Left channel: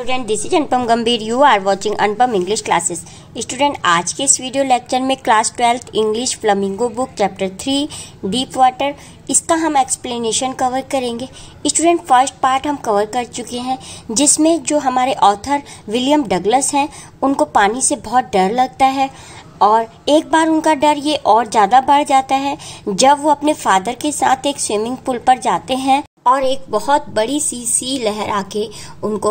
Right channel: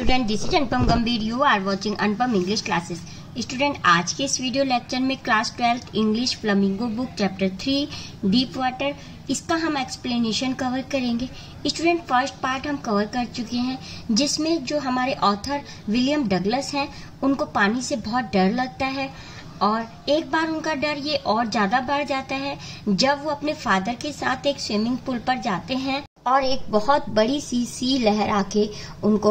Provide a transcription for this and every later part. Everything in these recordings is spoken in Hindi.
Student, this is Anupam Gambhir. You are watching Anupam English classes. Student, आज के इस वीडियो लेक्चर में class 12 English Flamingo book chapter 3 deep water, इसका हम एक्सप्लेनेशन कवर करेंगे। स्टूडेंट, फर्स्ट पार्ट हम कवर कर चुके हैं, जिसमें जो हमारे ऑथर विलियम डगलस हैं, उनको पानी से बहुत डर लगता है और एक बार उनका डर ये और ज़्यादा बढ़ जाता है जब वो अपने फादर के साथ एक स्विमिंग पूल पर जाते हैं और एक बहुत बड़ी सी लहर आके उनको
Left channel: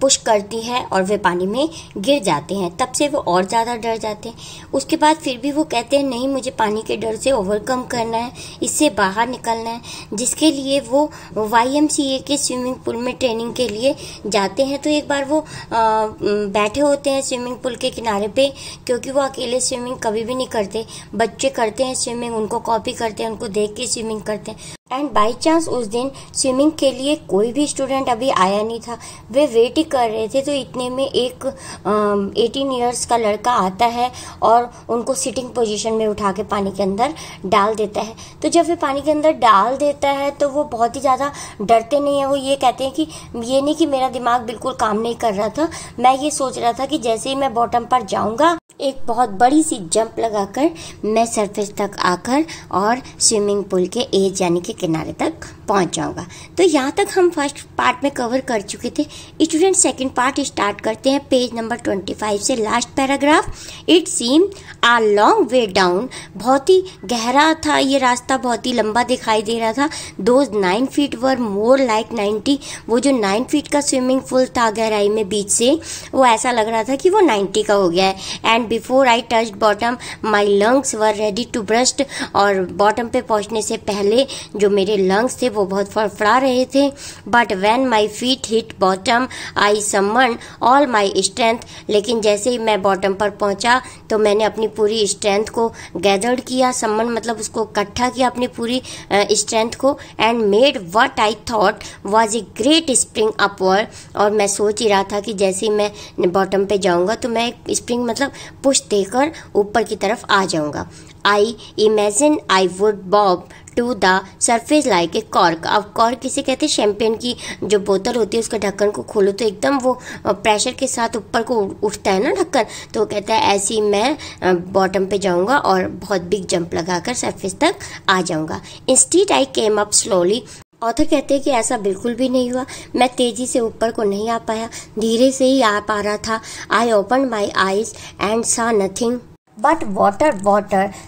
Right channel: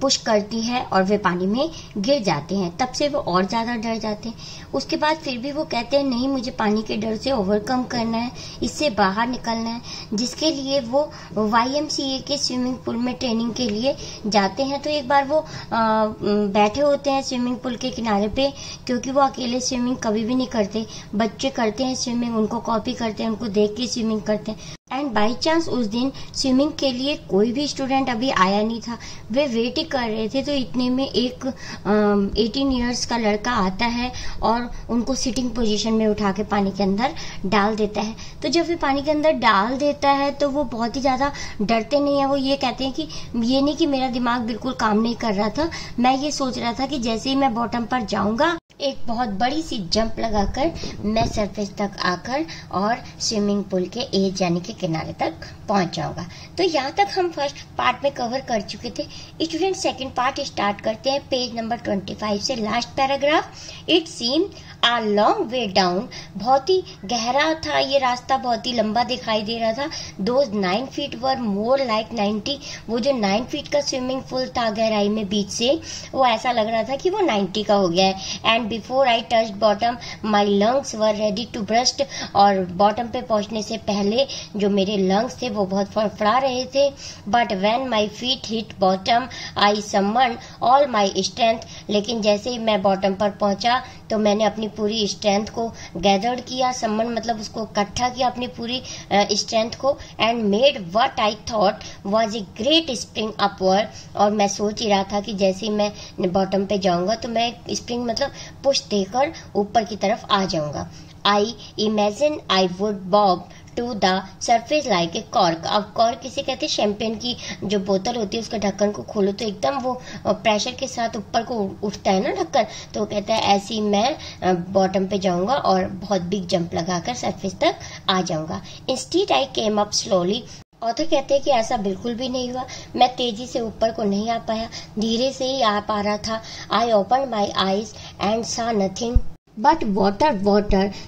पुश करती है और वे पानी में गिर जाते हैं। तब से वो और ज़्यादा डर जाते हैं। उसके बाद फिर भी वो कहते हैं नहीं, मुझे पानी के डर से ओवरकम करना है, इससे बाहर निकलना है, जिसके लिए वो YMCA के स्विमिंग पूल में ट्रेनिंग के लिए जाते हैं। तो एक बार वो बैठे होते हैं स्विमिंग पूल के किनारे पे, क्योंकि वो अकेले स्विमिंग कभी भी नहीं करते। बच्चे करते हैं स्विमिंग, उनको कॉपी करते हैं, उनको देख के स्विमिंग करते हैं। एंड बाई चांस उस दिन स्विमिंग के लिए कोई भी स्टूडेंट अभी आया नहीं था, वे वेट ही कर रहे थे। तो इतने में एक 18 इयर्स का लड़का आता है और उनको सिटिंग पोजीशन में उठा के पानी के अंदर डाल देता है। तो जब वे पानी के अंदर डाल देता है तो वो बहुत ही ज़्यादा डरते नहीं है। वो ये कहते हैं कि ये नहीं कि मेरा दिमाग बिल्कुल काम नहीं कर रहा था, मैं ये सोच रहा था कि जैसे ही मैं बॉटम पर जाऊंगा, एक बहुत बड़ी सी जंप लगाकर मैं सरफेस तक आकर और स्विमिंग पूल के एज यानी कि किनारे तक पहुंच जाऊंगा। तो यहाँ तक हम फर्स्ट पार्ट में कवर कर चुके थे। स्टूडेंट, सेकंड पार्ट स्टार्ट करते हैं पेज नंबर 25 से last paragraph. It seem a long way down, बहुत ही गहरा था ये रास्ता, बहुत ही लंबा दिखाई दे रहा था। Those 9 feet were more like 90, वो जो 9 फीट का स्विमिंग पूल था गहराई में बीच से, वो ऐसा लग रहा था कि वो 90 का हो गया है। And before I touched bottom my lungs were ready to burst, और बॉटम पे पहुंचने से पहले जो मेरे लंग्स थे वो बहुत फड़फड़ा रहे थे। But when my feet hit bottom I summon all my strength, लेकिन जैसे ही मैं बॉटम पर पहुंचा तो मैंने अपनी पूरी स्ट्रेंथ को गैदर्ड किया। समन मतलब उसको इकट्ठा किया, अपनी पूरी स्ट्रेंथ को। And made what I thought was a great spring upward, और मैं सोच ही रहा था कि जैसे ही मैं बॉटम पे जाऊंगा तो मैं स्प्रिंग मतलब पुश देकर ऊपर की तरफ आ जाऊंगा। I imagine I would bob to the surface like a cork. अब कॉर्क किसे कहते हैं? शैंपेन की जो बोतल होती है उसका ढक्कन को खोलो तो एकदम वो प्रेशर के साथ ऊपर को उठता है ना ढक्कन, तो कहता है ऐसे ही मैं बॉटम पे जाऊंगा और बहुत बिग जंप लगाकर सरफेस तक आ जाऊंगा। Instead I came up slowly. Author कहते हैं कि ऐसा बिल्कुल भी नहीं हुआ, मैं तेजी से ऊपर को नहीं आ पाया, धीरे से ही आ पा रहा था। I open my eyes and saw nothing but water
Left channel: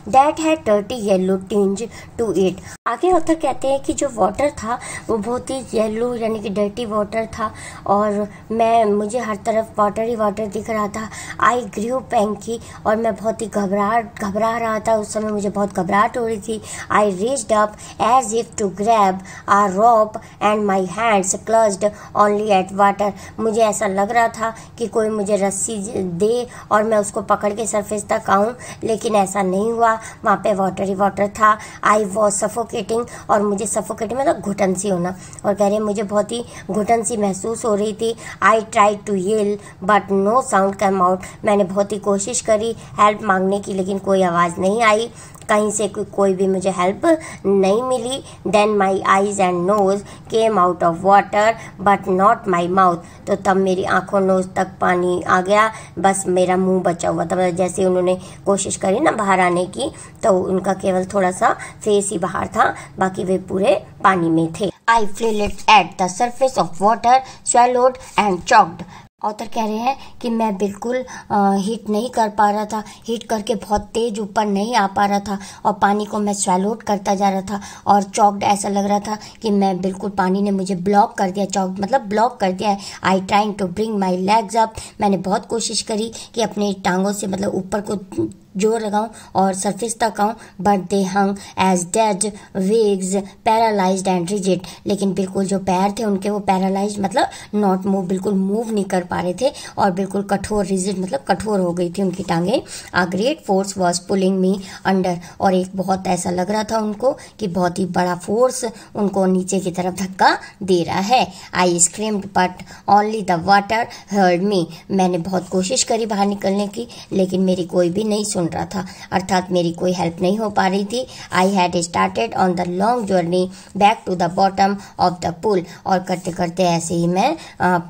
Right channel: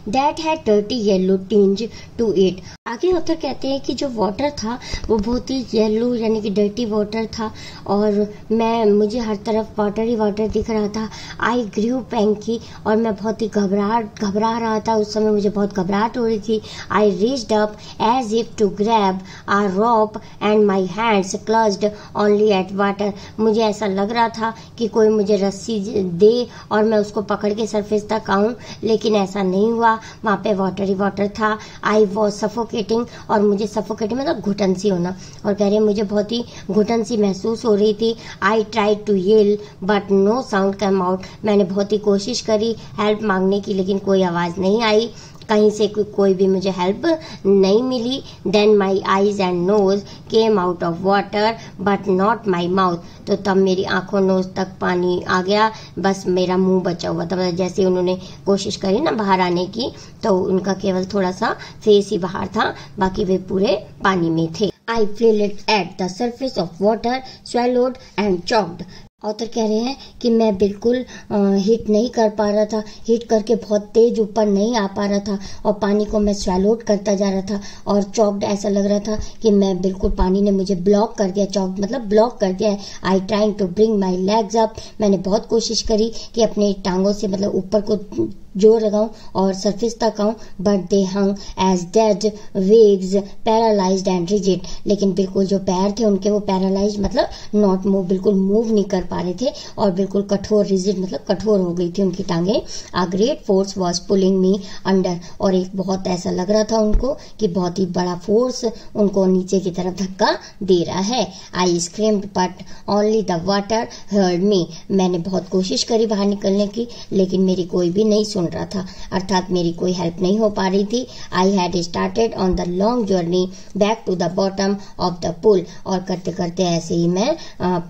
that had dirty yellow tinge to it. आगे ऑथर कहते हैं कि जो वाटर था वो बहुत ही येलो यानी कि डर्टी वाटर था, और मुझे हर तरफ वाटर ही वाटर दिख रहा था। आई ग्रू पैंकी, और मैं बहुत ही घबरा रहा था। उस समय मुझे बहुत घबराहट हो रही थी। I reached up as if to grab a rope and my hands clutched only at water. मुझे ऐसा लग रहा था कि कोई मुझे रस्सी दे और मैं उसको पकड़ के सरफेस तक, लेकिन ऐसा नहीं हुआ। वहां पे वाटर ही वाटर था। आई वॉज सफोकेटिंग, और मुझे सफोकेटिंग मतलब घुटन सी होना, और कह रहे मुझे बहुत ही घुटन सी महसूस हो रही थी। I try to yell but no sound come out. मैंने बहुत ही कोशिश करी हेल्प मांगने की, लेकिन कोई आवाज नहीं आई, कहीं से कोई भी मुझे हेल्प नहीं मिली। Then my eyes and nose came out of water but not my mouth. तो तब मेरी आंखों नोज तक पानी आ गया, बस मेरा मुंह बचा हुआ था। जैसे उन्होंने कोशिश करी ना बाहर आने की, तो उनका केवल थोड़ा सा फेस ही बाहर था, बाकी वे पूरे पानी में थे। I flailed at the surface of water, swallowed and choked. Author कह रहे हैं कि मैं बिल्कुल हिट नहीं कर पा रहा था, हिट करके बहुत तेज ऊपर नहीं आ पा रहा था, और पानी को मैं स्वैलोड करता जा रहा था, और चॉक्ड ऐसा लग रहा था कि मैं बिल्कुल पानी ने मुझे ब्लॉक कर दिया। चॉक्ड मतलब ब्लॉक कर दिया है। I trying to bring my legs up, मैंने बहुत कोशिश करी कि अपने टांगों से मतलब ऊपर को जोर लगाऊं और सरफेस तक आऊं, but they hung as dead weights paralysed and rigid. लेकिन बिल्कुल जो पैर थे उनके वो पैरालाइज्ड मतलब नॉट मूव, बिल्कुल मूव नहीं कर पा रहे थे, और बिल्कुल कठोर, रिजिड मतलब कठोर हो गई थी उनकी टांगे। A great force was pulling me under, और एक बहुत ऐसा लग रहा था उनको कि बहुत ही बड़ा फोर्स उनको नीचे की तरफ धक्का दे रहा है। I screamed but only the water heard me. मैंने बहुत कोशिश करी बाहर निकलने की, लेकिन मेरी कोई भी नहीं सुन रहा था, अर्थात मेरी कोई हेल्प नहीं हो पा रही थी। I had started on the long journey back to the bottom of the pool, और करते करते ऐसे ही मैं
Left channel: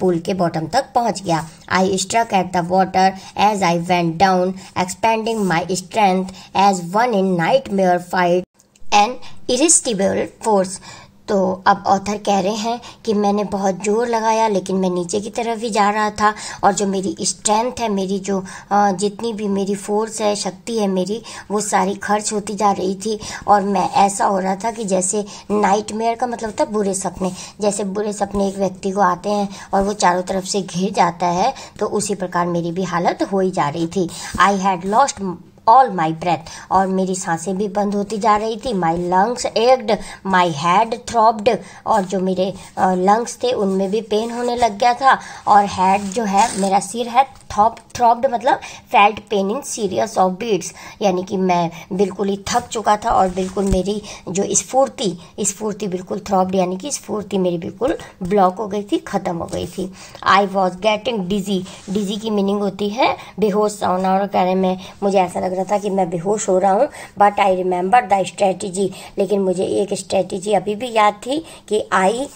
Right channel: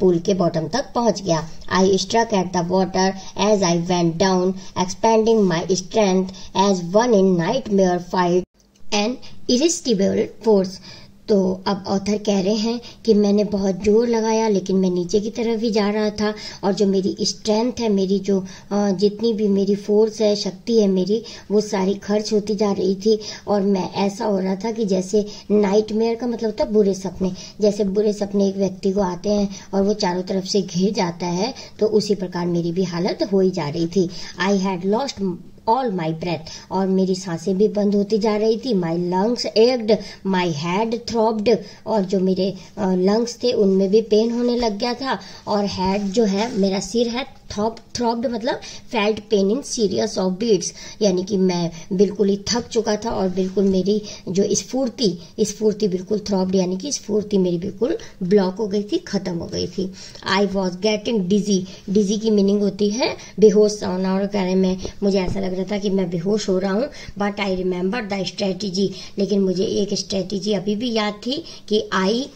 पुल के बॉटम तक पहुंच गया। I struck at the water as I went down, expending my strength as one in nightmare fight an irresistible force. तो अब ऑथर कह रहे हैं कि मैंने बहुत जोर लगाया, लेकिन मैं नीचे की तरफ ही जा रहा था, और जो मेरी स्ट्रेंथ है, मेरी जो जितनी भी मेरी फोर्स है, शक्ति है मेरी, वो सारी खर्च होती जा रही थी। और मैं ऐसा हो रहा था कि जैसे नाइटमेयर का मतलब होता है बुरे सपने, जैसे बुरे सपने एक व्यक्ति को आते हैं और वो चारों तरफ से घिर जाता है, तो उसी प्रकार मेरी भी हालत हो ही जा रही थी। I had lost all my breath, और मेरी सांसें भी बंद होती जा रही थी। My lungs ached, my head throbbed, और जो मेरे लंग्स थे उनमें भी पेन होने लग गया था। और हेड जो है, मेरा सिर है, थ्रॉब्ड मतलब felt pain in series of beats, यानी कि मैं बिल्कुल ही थक चुका था, और बिल्कुल मेरी जो स्फूर्ति बिल्कुल थ्रॉब्ड, यानी कि स्फूर्ति मेरी बिल्कुल ब्लॉक हो गई थी, खत्म हो गई थी। आई वॉज गेटिंग डिजी की मीनिंग होती है बेहोश सा होना, और कहने में मुझे ऐसा लग रहा था कि मैं बेहोश हो रहा हूँ। But I remember the strategy, लेकिन मुझे एक स्ट्रेटेजी अभी भी याद थी कि आई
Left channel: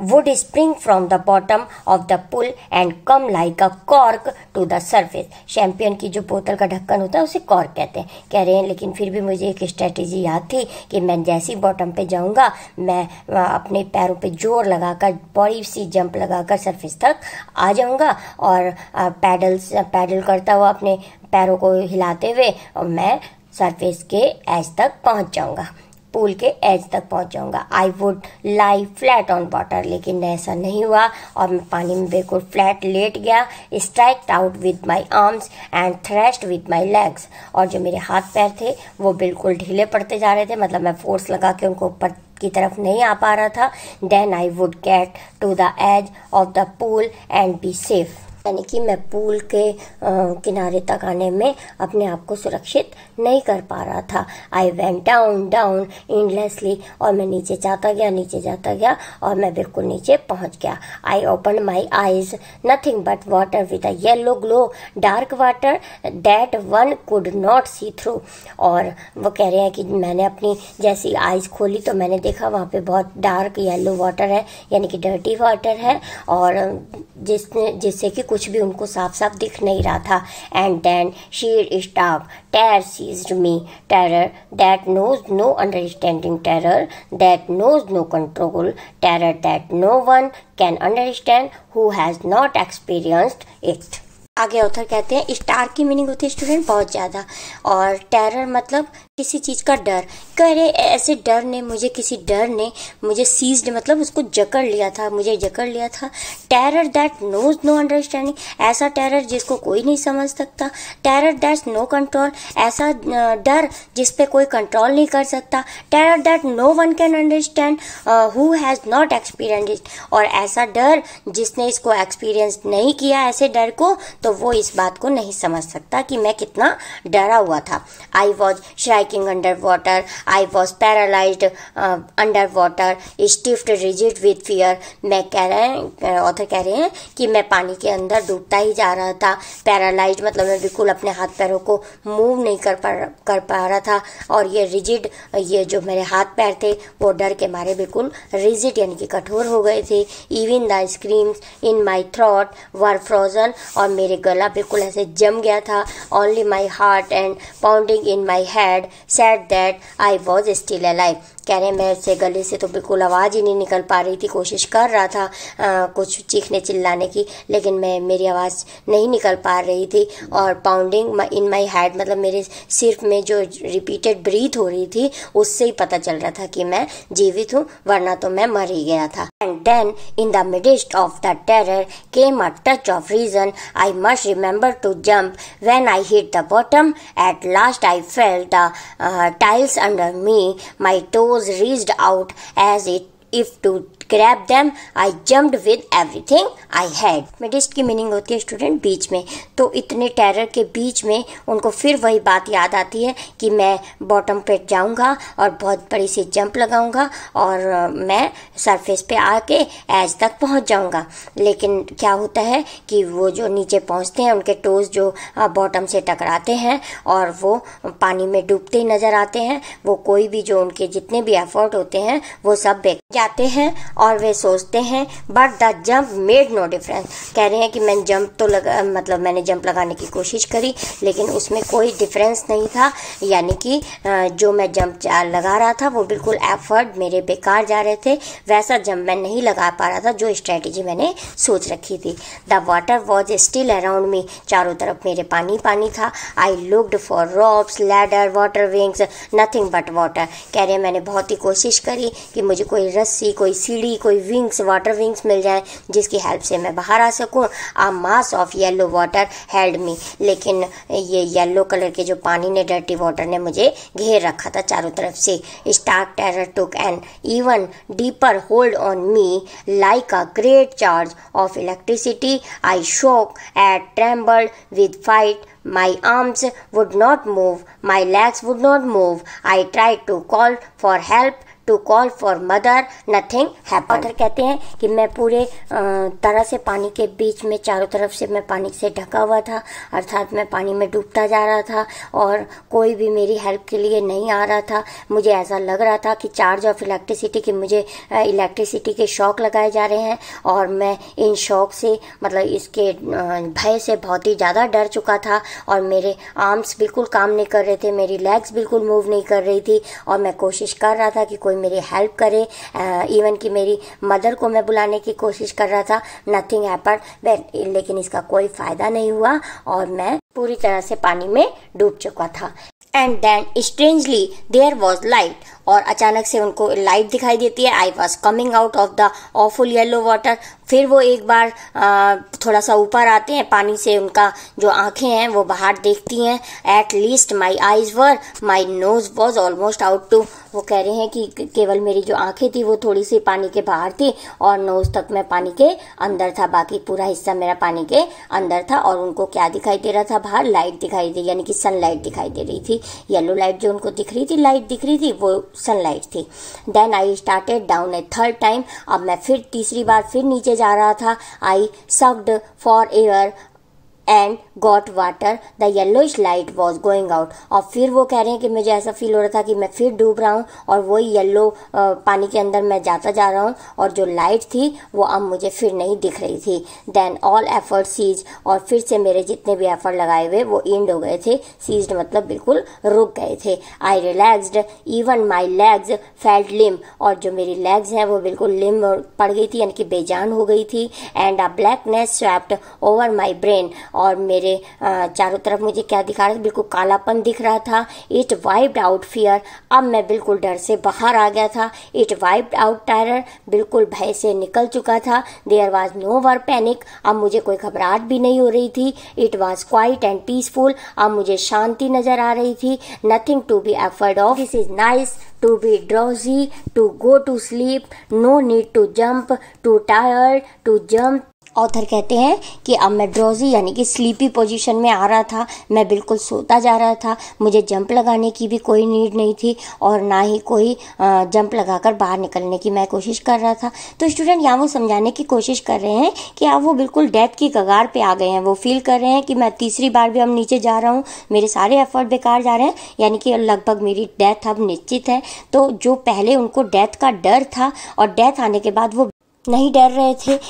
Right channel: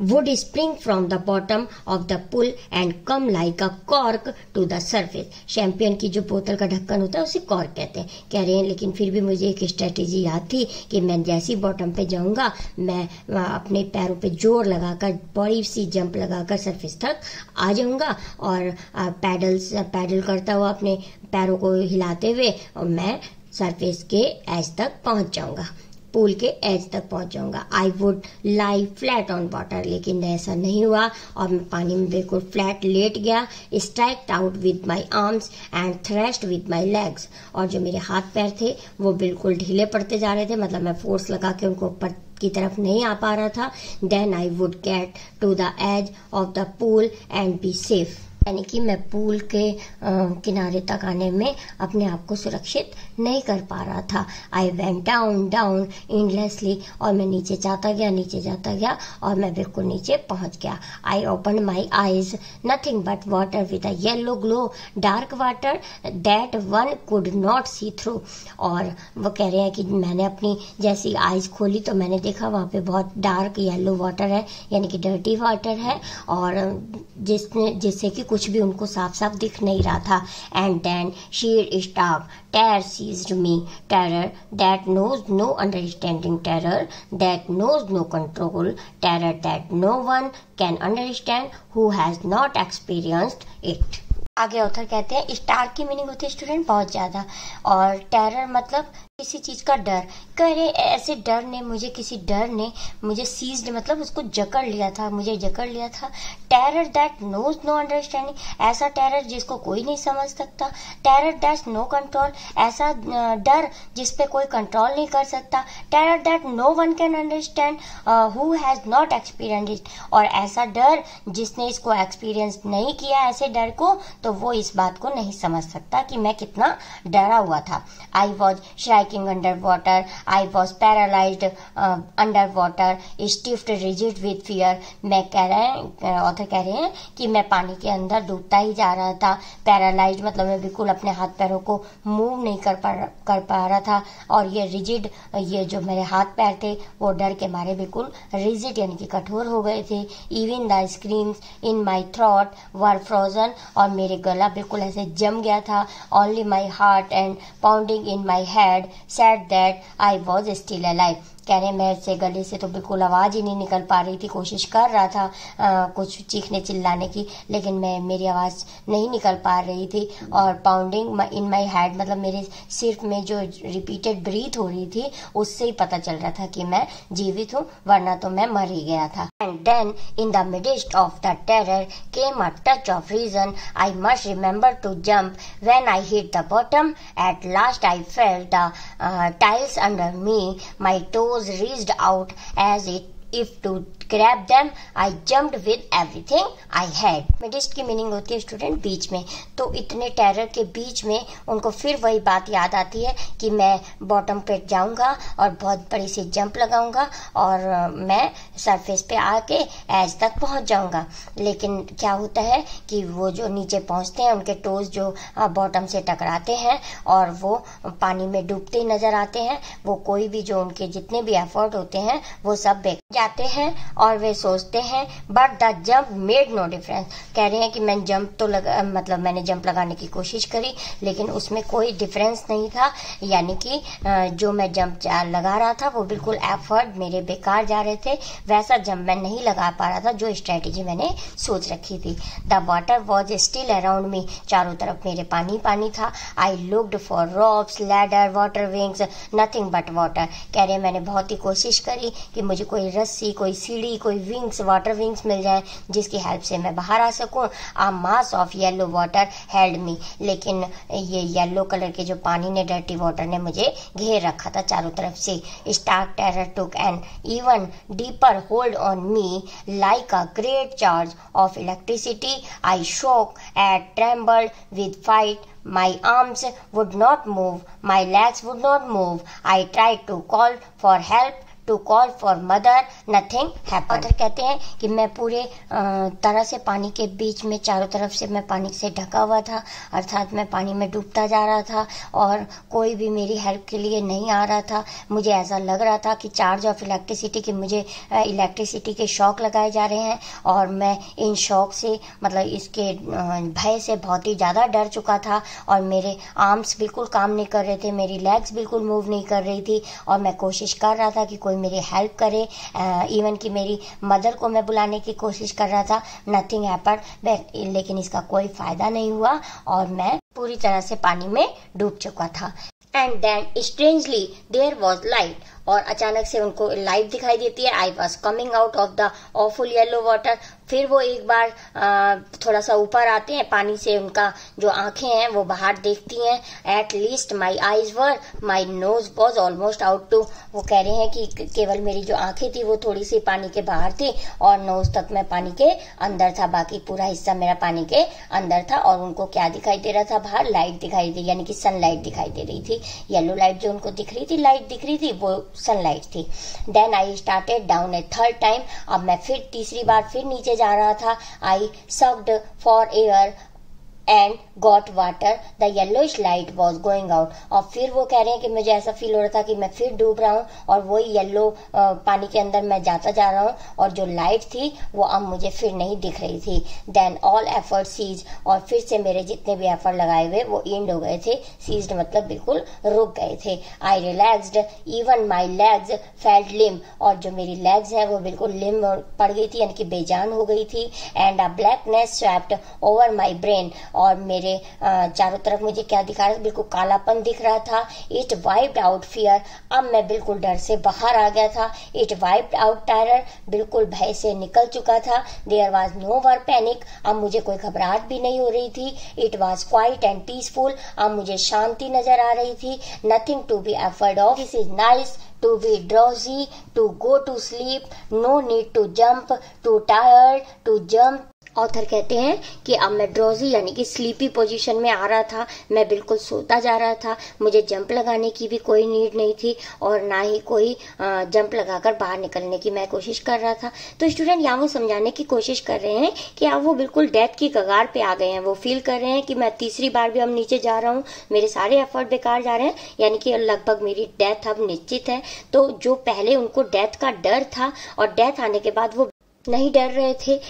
would spring from the bottom of the pool and come like a cork to the surface। शैंपियन की जो बोतल का ढक्कन होता है उसे कॉर्क कहते हैं, कह रहे हैं। लेकिन फिर भी मुझे एक स्ट्रेटेजी याद थी कि मैं जैसी बॉटम पे जाऊंगा, मैं अपने पैरों पे जोर लगाकर, बड़ी सी जंप लगाकर सरफेस तक आ जाऊंगा, और पैडल करता हुआ अपने पैरों को हिलाते हुए, और मैं सरफेस के एज तक पहुंच जाऊंगा, पूल के एज तक पहुंच जाऊंगा। I would lie flat on water, लेकिन ऐसा नहीं हुआ, और मैं पानी में बिल्कुल फ्लैट लेट गया। स्ट्राइक्ड out with my arms and thrashed with my legs, और जो मेरे हाथ पैर थे वो बिल्कुल ढीले पड़ते जा रहे थे, मतलब मैं फोर्स लगा के उनको ऊपर की तरफ नहीं आ पा रहा था। Then I would get to the edge of the pool and be safe, यानी कि मैं पूल के किनारे तक आने में अपने आप को सुरक्षित नहीं कर पा रहा था। आई वेंट डाउन एंडलेसली, और मैं नीचे जाता गया, और मैं बिल्कुल नीचे पहुंच गया। I open my eyes, nothing but water with a yellow glow, dark water that one could not see through. और वो कह रहे हैं कि मैंने अपनी जैसी आईज खोली तो मैंने देखा वहां पे बहुत डार्क येलो वाटर है, यानी कि डर्टी वाटर है, और जिससे कि कुछ भी उनको साफ साफ दिख नहीं रहा था। And then sheer stark terror seized me, terror that knows no understanding, terror that knows no control, terror that no one can understand who has not experienced it. आगे ऑथर कहते हैं स्टार की मीनिंग होती है स्टूडेंट बहुत ज्यादा, और टेरर मतलब किसी चीज का डर। कह रहे ऐसे किसी डर ने मुझे सीज्ड मतलब उसको जकड़ लिया था। Terror that knows no understanding, ऐसा टेरर जिसको कोई नहीं समझ सकता। टेरर दैट नो कंट्रोल, ऐसा डर जिसपे कोई कंट्रोल नहीं कर सकता। Terror that no one can understand who has not experienced it, और ऐसा डर जिसने इसको एक्सपीरियंस नहीं किया ऐसे डर को, तो वो इस बात को नहीं समझ सकता कि मैं कितना डरा हुआ था। I was shrieking under water, I was paralysed under water, stiffed rigid with fear. Author कह रहे हैं कि मैं पानी के अंदर डूबता ही जा रहा था। पैरालाइज्ड मतलब मैं बिल्कुल अपने हाथ पैरों को मूव नहीं कर पा रहा था, और ये रिजिड, ये जो मेरे हाथ पैर थे वो डर के मारे बिल्कुल रिजिड यानी कि कठोर हो गए थे। Even the screams in my throat were frozen, और मेरे गला बिल्कुल ऐसे जम गया था। Only my heart and pounding in my head said that I was still alive. कह रहे मैं से गले से तो बिल्कुल आवाज ही नहीं निकल पा रही थी, कोशिश कर रहा था कुछ चीखने चिल्लाने की, लेकिन मेरी आवाज नहीं निकल पा रही थी। और पाउंडिंग इन माई हेड मतलब मेरे सिर में जो रिपीटेड ब्रीथ हो रही थी उससे ही पता चल रहा था कि मैं जीवित हूँ, वरना तो मैं मर ही गया था। And then in the midst of the terror came a touch of reason, I must remember to jump. When I hit the bottom, at last I felt the tiles under me. My toes reached out as if to grab them, I jumped with everything I had. Midst की मीनिंग होती है स्टूडेंट बीच में। तो इतने टेरर के बीच में उनको फिर वही बात याद आती है कि मैं बॉटम पे जाऊंगा और बहुत बड़ी सी जंप लगाऊंगा और मैं सरफेस पे आके एज तक पहुंच जाऊंगा। लेकिन क्या होता है कि वो जो नीचे पहुंचते हैं उनके टोज जो बॉटम से टकराते हैं और वो पानी में डूबते ही नजर आते हैं। वो कोई भी जो उनके जितने भी एफर्ट होते हैं वो सब बेकार जाते हैं और वे सोचते हैं but the jump made no difference. कह रहे हैं कि मैंने जंप तो मैंने जंप लगाने की कोशिश करी लेकिन उसमें कोई डिफरेंस नहीं था, यानी कि जो मैं जंप लगा रहा था वो बिल्कुल एफर्ट मेरे बेकार जा रहे थे। वैसा जंप मैं नहीं लगा पा रहा था जो स्ट्रेटेजी मैंने सोच रखी थी। The water was still around me, चारों तरफ मेरे पानी पानी था। I looked for ropes, ladder, water wings, nothing but water. कह रहे मैंने बहुत ही कोशिश करी कि मुझे कोई रस्सी, कोई सीढ़ी, कोई विंग्स, वाटर विंग्स मिल जाए जिसकी हेल्प से मैं बाहर आ सकूं। A mass of yellow water held me, लेकिन ये येलो कलर के जो पानी ने, डर्टी वाटर ने मुझे घेर रखा था चारों तरफ से। Stark terror took an even deeper hold on me like a great charge of electricity. I shook and trembled with fright. My arms would not move, my legs would not move. I tried to call for help, to call for mother, nothing happened. Author कहते हैं कि मैं पूरे तरह से पानी के बीच में, चारों तरफ से मैं पानी से ढका हुआ था, अर्थात मैं पानी में डूबता जा रहा था और कोई भी मेरी हेल्प के लिए नहीं आ रहा था। मुझे ऐसा लग रहा था कि चार्ज ऑफ इलेक्ट्रिसिटी, कि मुझे इलेक्ट्रिसिटी के शॉक लगाए जा रहे हैं और मैं इन शॉक से, मतलब इसके भय से बहुत ही ज्यादा डर चुका था और मेरे आर्म्स बिल्कुल काम नहीं कर रहे थे, मेरी लेग्स बिल्कुल मूव नहीं कर रही थी और मैं कोशिश कर रहा था कि कोई मेरी हेल्प करे। इवन कि मेरी मदर को मैं बुलाने की कोशिश कर रहा था। नथिंग हैपेंड, लेकिन इसका कोई फायदा नहीं हुआ और मैं पूरी तरह से पानी में डूब चुका था। And then strangely there was light, और अचानक से उनको लाइट दिखाई देती है। I was coming out of the awful yellow water. फिर वो एक बार थोड़ा सा ऊपर आते हैं पानी से, उनका जो आंखें हैं वो बाहर देखती हैं। At least my eyes were, my nose was almost out too. वो कह रहे हैं कि केवल मेरी जो आंखें थी वो थोड़ी सी पानी के बाहर थी और नोज तक मैं पानी के अंदर था, बाकी पूरा हिस्सा मेरा पानी के अंदर था। और उनको क्या दिखाई दे रहा था बाहर? लाइट दिखाई दे, यानी कि सनलाइट दिखाई दे रही थी। येलो लाइट जो उनको दिख रही थी, लाइट दिख रही थी, वो सनलाइट थी। Then I started down a third time, अब मैं फिर तीसरी बार फिर नीचे जा रहा था। I sucked for air and got water, the yellowish light was going out. और फिर वो कह रहे हैं कि मुझे ऐसा फील हो रहा था कि मैं फिर डूब रहा हूँ और वही येलो पानी के अंदर मैं जाता जा रहा हूँ और जो लाइट थी वो अब मुझे फिर नहीं दिख रही थी। देन ऑल एफर्ट सीज, और फिर से मेरे जितने भी एफर्ट लगाए हुए वो एंड हो गए थे। सीज्ड मतलब बिल्कुल रुक गए थे। I relaxed, even my legs felt limp, और जो मेरी लेग्स हैं वो बिल्कुल लिम पड़ गई थी, यानी कि बेजान हो गई थी। And a blackness swept over my brain, और मेरे चारों तरफ मुझे क्या दिखा रहा था? बिल्कुल कालापन दिख रहा था। इट वाइप्ड आउट फियर, अब मैं बिल्कुल डर से बाहर आ गया था। इट वाइप्ड आउट टेरर, बिल्कुल भय से निकल चुका था। There was no more panic, अब मुझे कोई घबराहट भी नहीं हो रही थी। It was quiet and peaceful, अब मुझे शांति नजर आ रही थी। Nothing to be afraid of, this is nice to be drowsy, to go to sleep, no need to jump, too tired to jump. Author कहते हैं कि अब मैं ड्रॉजी यानी कि स्लीपी पोजीशन में आ रहा था, मैं बिल्कुल सोता जा रहा था। मुझे जंप लगाने की भी कोई नीड नहीं थी और ना ही कोई जंप लगाकर बाहर निकलने की मैं कोशिश कर रहा था। तो स्टूडेंट यहाँ वो समझाने की कोशिश कर रहे हैं कि अब वो बिल्कुल डेथ की कगार पे आ गए हैं। वो फील कर रहे हैं कि मैं तीसरी बार भी अब नीचे जा रहा हूँ, मेरे सारे एफर्ट बेकार जा रहे हैं, यानी कि लगभग मेरी डेथ अब निश्चित है। तो जो पहले उनको डेथ का डर था और डेथ आने के बाद वो नहीं डर रहे थे।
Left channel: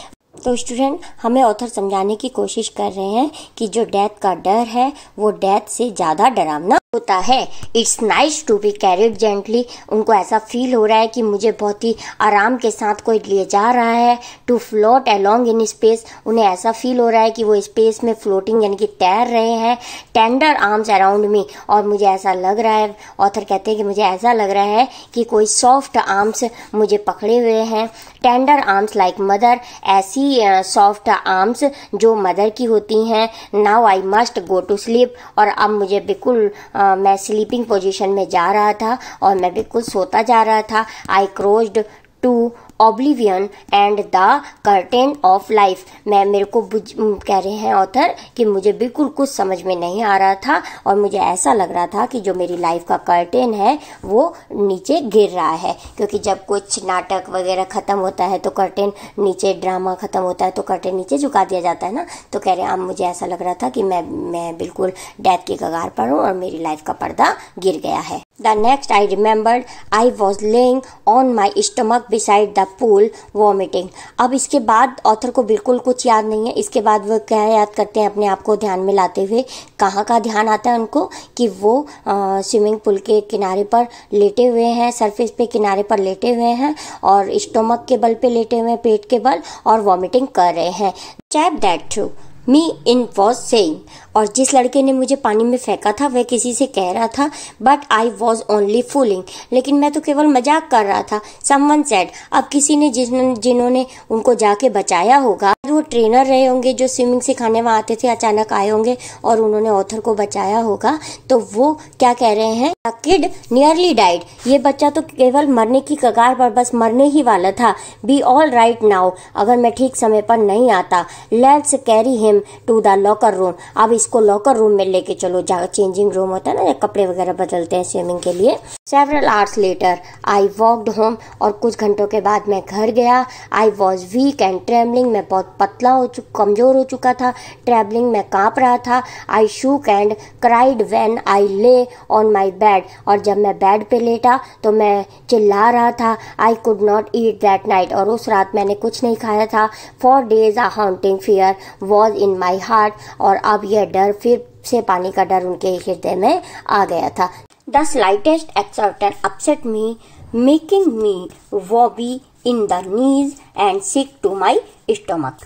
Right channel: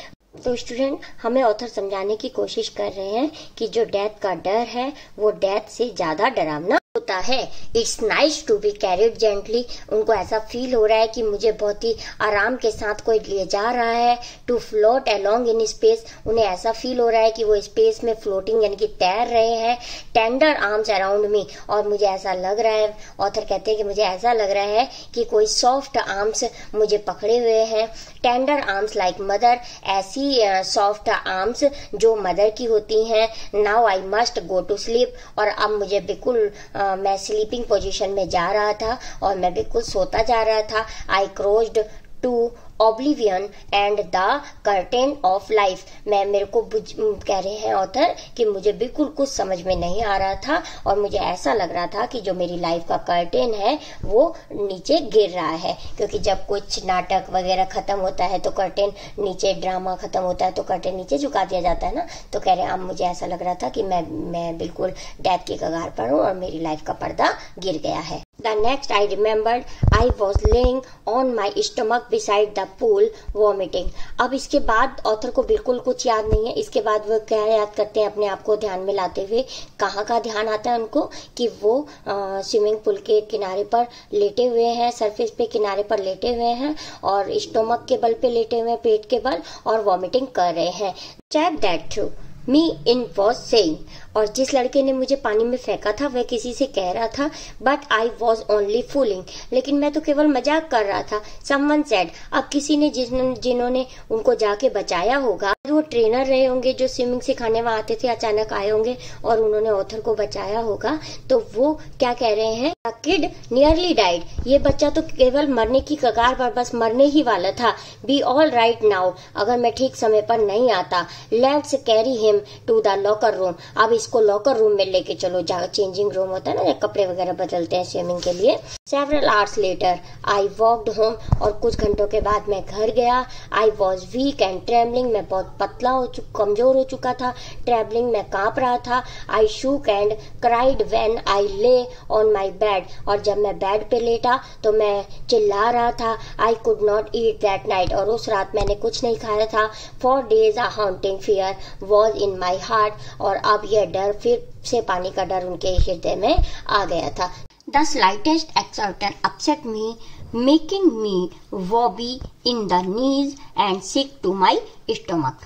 तो स्टूडेंट हमें ऑथर समझाने की कोशिश कर रहे हैं कि जो डेथ का डर है वो डेथ से ज्यादा डरावना होता है। It's nice to be carried gently, उनको ऐसा फील हो रहा है कि मुझे बहुत ही आराम के साथ कोई ले जा रहा है। To float along in space, उन्हें ऐसा फील हो रहा है कि वो स्पेस में फ्लोटिंग यानी कि तैर रहे हैं। टेंडर आर्म्स अराउंड मी, और मुझे ऐसा लग रहा है, ऑथर कहते हैं कि मुझे ऐसा लग रहा है कि कोई सॉफ्ट आर्म्स मुझे पकड़े हुए हैं। टेंडर आर्म्स लाइक मदर, ऐसी सॉफ्ट आर्म्स जो मदर की होती हैं। Now I must go to sleep, और अब मुझे बिल्कुल मैं स्लीपिंग पोजीशन में जा रहा था और मैं बिल्कुल सोता जा रहा था। I crossed to oblivion and the curtain of life. मेरे को कह रहे हैं ऑथर कि मुझे बिल्कुल कुछ समझ में नहीं आ रहा था और मुझे ऐसा लग रहा था कि जो मेरी लाइफ का कर्टेन है वो नीचे गिर रहा है, क्योंकि जब कुछ नाटक वगैरह खत्म होता है तो कर्टेन नीचे, ड्रामा खत्म होता है तो कर्टेन नीचे झुका दिया जाता है ना। तो कह रहे हैं अब मुझे ऐसा लग रहा था कि मैं बिल्कुल डेथ की कगार पर हूँ और मेरी लाइफ का पर्दा गिर गया है। The next I remembered I was laying on my stomach beside the pool vomiting। अब इसके बाद ऑथर को बिल्कुल कुछ याद नहीं है। इसके बाद वो क्या याद करते हैं अपने आप को ध्यान में लाते हुए, कहाँ का ध्यान आता है उनको कि वो स्विमिंग पूल के किनारे पर लेटे हुए हैं, सरफेस पे किनारे पर लेटे हुए हैं और स्टोमक के बल पे लेटे हुए हैं, पेट के बल, और वॉमिटिंग कर रहे हैं। Chap that through me in was saying, और जिस लड़के ने मुझे पानी में फेंका था वह किसी से कह रहा था but I was only fooling, लेकिन मैं तो केवल मजाक कर रहा था। समवन सेड, अब किसी ने जिन्होंने उनको जाके बचाया होगा, वो ट्रेनर रहे होंगे जो स्विमिंग सिखाने वहां आते थे, अचानक आए होंगे और उन्होंने ऑथर को बचाया होगा। तो वो क्या कह रहे हैं, द किड नियरली डाइड, ये बच्चा तो केवल मरने की कगार पर, बस मरने ही वाला था। बी ऑल राइट नाउ, अगर मैं ठीक समय पर नहीं आता। Let's carry him to the locker room, अब इसको लॉकर रूम में लेके चलो, जहाँ चेंजिंग रूम होता है ना, कपड़े वगैरह बदलते हैं स्विमिंग के लिए। Several hours later I walked home, और कुछ घंटों के बाद मैं घर गया। I was weak and travelling, मैं बहुत पतला कमजोर हो चुका था, ट्रेवलिंग में कांप रहा था। I shook and cried when I lay on my bed, और जब मैं बेड पे लेटा तो मैं चिल्ला रहा था। I could not eat that night, और उस रात मैंने कुछ नहीं खाया था। For days a haunting fear was in my heart, और अब यह डर, फिर से पानी का डर उनके हृदय में आ गया था। The slightest exertion upset me, making me wobbly in the knees and sick to my stomach.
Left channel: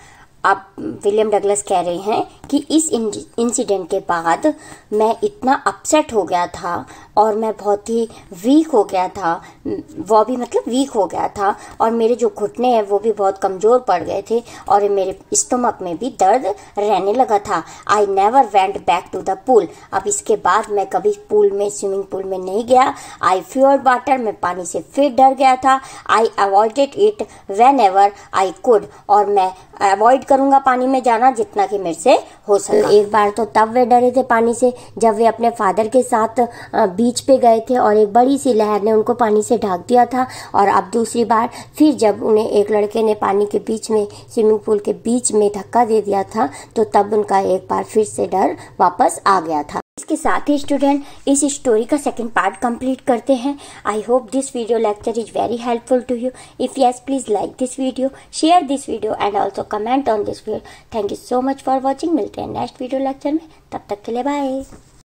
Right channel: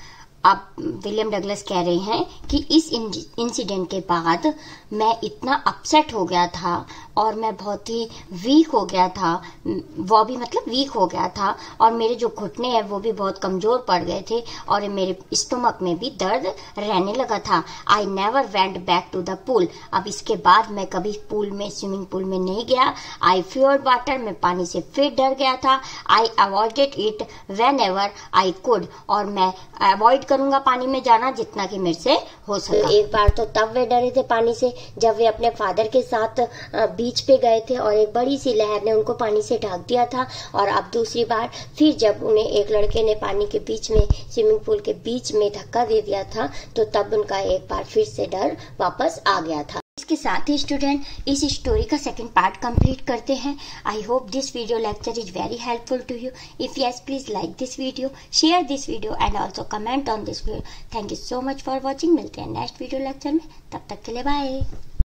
अब विलियम डगलस कह रहे हैं कि इस इंसिडेंट के बाद मैं इतना अपसेट हो गया था और मैं बहुत ही वीक हो गया था, वो भी मतलब वीक हो गया था, और मेरे जो घुटने हैं वो भी बहुत कमजोर पड़ गए थे और मेरे स्टोमक में भी दर्द रहने लगा था। I never went back to the pool, अब इसके बाद मैं कभी पूल में, स्विमिंग पूल में नहीं गया। आई फियर्ड वाटर, मैं पानी से फिर डर गया था। I avoided it whenever I could, और मैं अवॉइड करूंगा पानी में जाना जितना कि मेरे से हो सका। एक बार तो तब वे डरे थे पानी से जब वे अपने फादर के साथ बीच पे गए थे और एक बड़ी सी लहर ने उनको पानी से ढक दिया था, और अब दूसरी बार फिर जब उन्हें एक लड़के ने पानी के बीच में, स्विमिंग पूल के बीच में धक्का दे दिया था, तो तब उनका एक बार फिर से डर वापस आ गया था। इसके साथ ही स्टूडेंट इस स्टोरी का सेकंड पार्ट कंप्लीट करते हैं। I hope this video lecture is very helpful to you. If yes, please like this video, share this video and also comment on this video. Thank you so much for watching. मिलते हैं नेक्स्ट वीडियो लेक्चर में, तब तक के लिए बाय।